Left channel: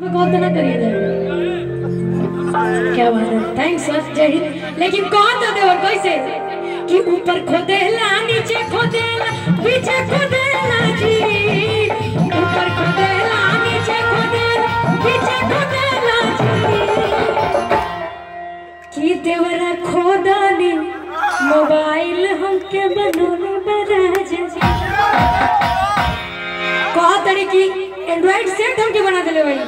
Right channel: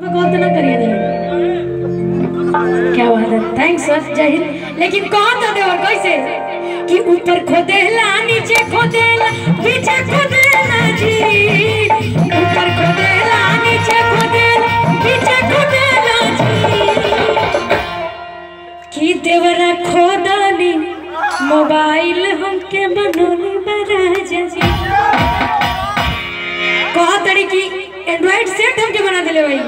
कॉल तो ना करिए क्या बात है। थैंक्स सर, जय हिंद। लेकिन कौन था देवर कैसे कि ऊपर खोदेला नीचे खोदेला पीछे खोदेला जी, ऊपर खोदेला नीचे खोदेला पीछे खोदेला जी, कि देवरा खोदानी मोबाइल हमके बनोने बराजा जी। कहा तड़ी की एंड्रॉइड सेट हमके बना देले भाई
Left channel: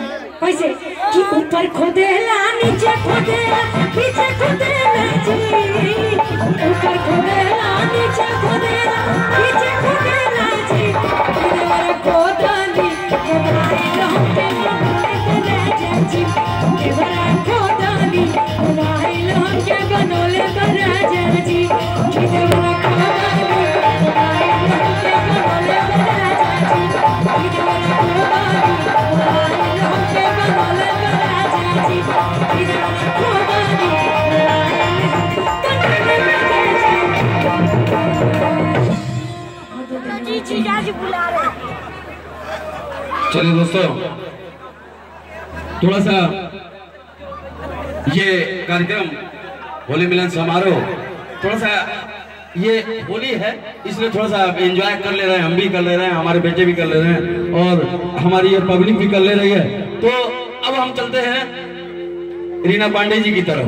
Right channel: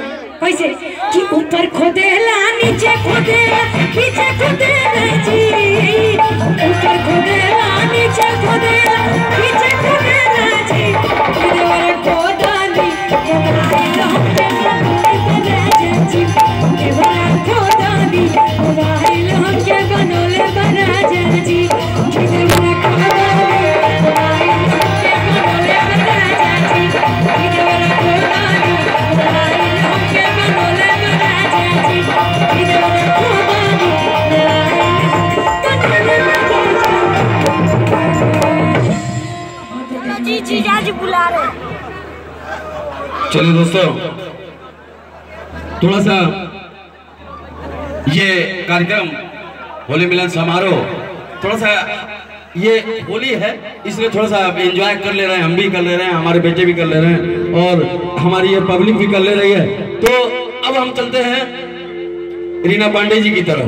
कैसे कि ऊपर खोदेला नीचे खोदेला पीछे खोदेला जी, ऊपर खोदेला नीचे खोदेला पीछे खोदेला जी, देवरा खोदानी मोबाइल हमके बनोले बराजा जी, देवरा खोदानी मोबाइल हमके बनोले बराजा जी, देवरा खोदानी मोबाइल हमके बनोले बराजा जी, देवरा खोदानी मोबाइल हमके बनोले बराजा जी, देवरा खोदानी जी आज बुला रहे। चलिए दोस्तों, थोड़ा सा ये कार्यक्रम होली मिलन समारोह, थोड़ा सा ये होली है इसलिए थोड़ा सा एंजॉय कर ले रहे हैं, हम भी कर ले रहे हैं, हमारे बेटे भी कर ले रहे हैं और हमारी ये पब्लिक भी कर ले रही है। तो अब हम चलते हैं रीना पांडे जी की तरफ।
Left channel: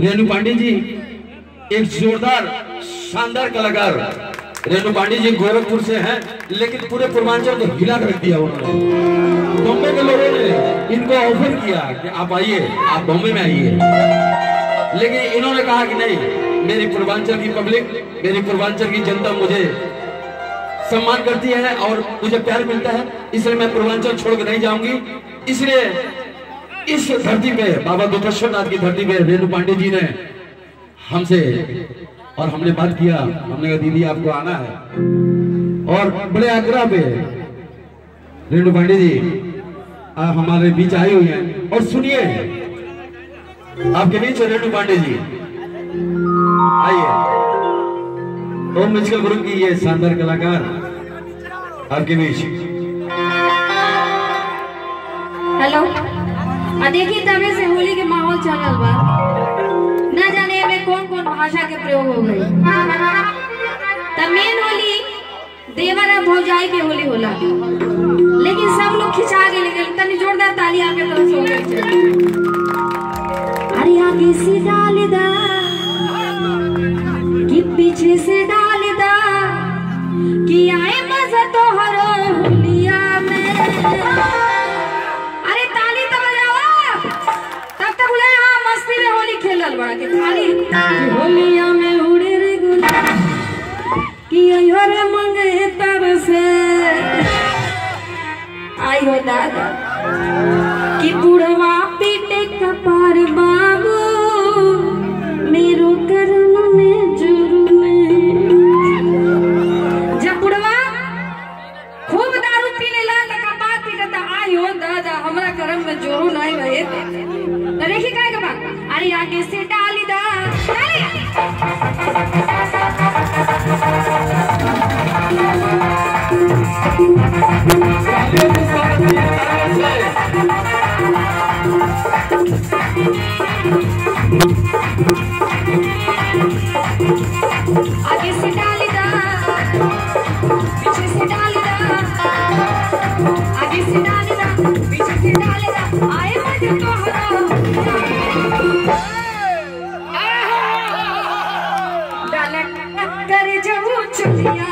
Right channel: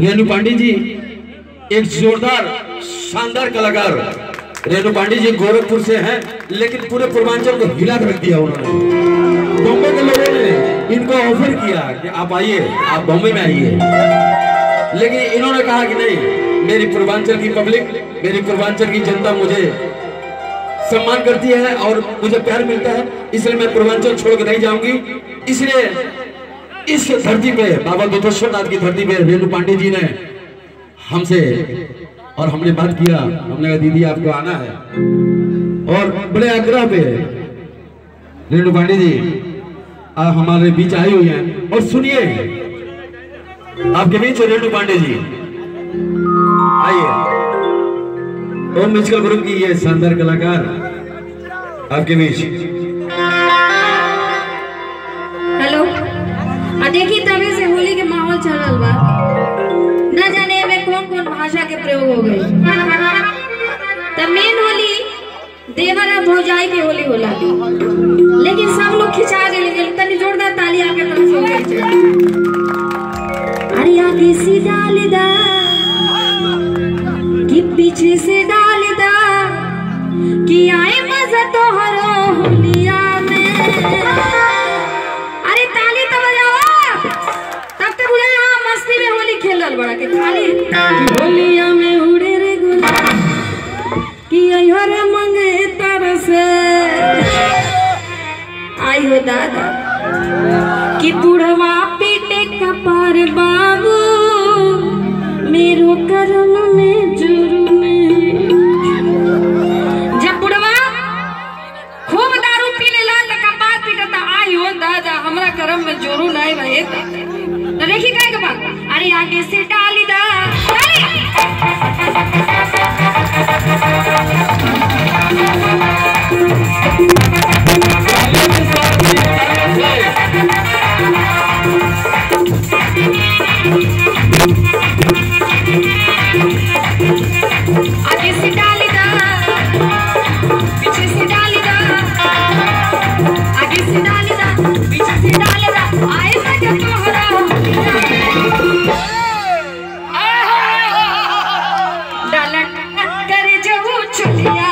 रेणु पांडे जी एक जोरदार शानदार कलाकार। रेणु पांडे जी गोरखपुर से हैं लेकिन पूरे पूर्वांचल को हिला रख दिया उन्होंने। बॉम्बे के लोगों ने इनको ऑफर किया कि आप आइए, आप बॉम्बे में आइए, लेकिन इन्होंने कहा कि नहीं, मेरी पूर्वांचल की पब्लिक, मेरी पूर्वांचल की जनता मुझे सम्मान करती है और मुझे प्यार मिलता है, इसलिए मैं पूर्वांचल छोड़ के नहीं जाऊंगी। इसलिए इस धरती पे, बाबा दुधेश्वर नाथ की धरती पे रेणु पांडे जी ने हमसे और हमने बात किया, हमने कहा दीदी आपको आना है, और बड़े आग्रह पे रेणु पांडे जी आप हमारे बीच आई हुई हैं। और सुनिए, आपके बीच रेणु पांडे जी आइए, ओम म्यूजिकल ग्रुप की ये शानदार कलाकार आपके बीच। हेलो, देखिए तभी से होली के माहौल चल रहा बा, ना जाने में कौन कौन भाषा के प्रयोग हो गई। तब मेन होली देवरा भौजाई के होली होला, लेकिन सब लोग खिंचा गए। तनी जोरदार ताली आके तरफ से हो गई। अरे आगे से डाल दा कि पीछे से डाल दा कि आए मजा तोहरो होलिया में। अरे ताली तो बजावा, तब तक बुझा मस्ती में होली खेलल बड़ा के थाली होलिया में उड़े रे गुलाल कि अयोर मंगे तरसे आयो दादा कि बुढ़वा पीटे कपार बाबू मेरो करम में जुर्मे। जब बुढ़वा खूब दारू पी लेला त कपार पीटता, आयो दादा हमरा करम में जोरू नहीं रहे। तो देखी काय के बात, अरे आगे से डाली दा आगे से डाली दा पीछे से डाली दा, आगे से डाली दा पीछे से डाली दा, आए मजा तोहरा डालट करे जबू छुलिया।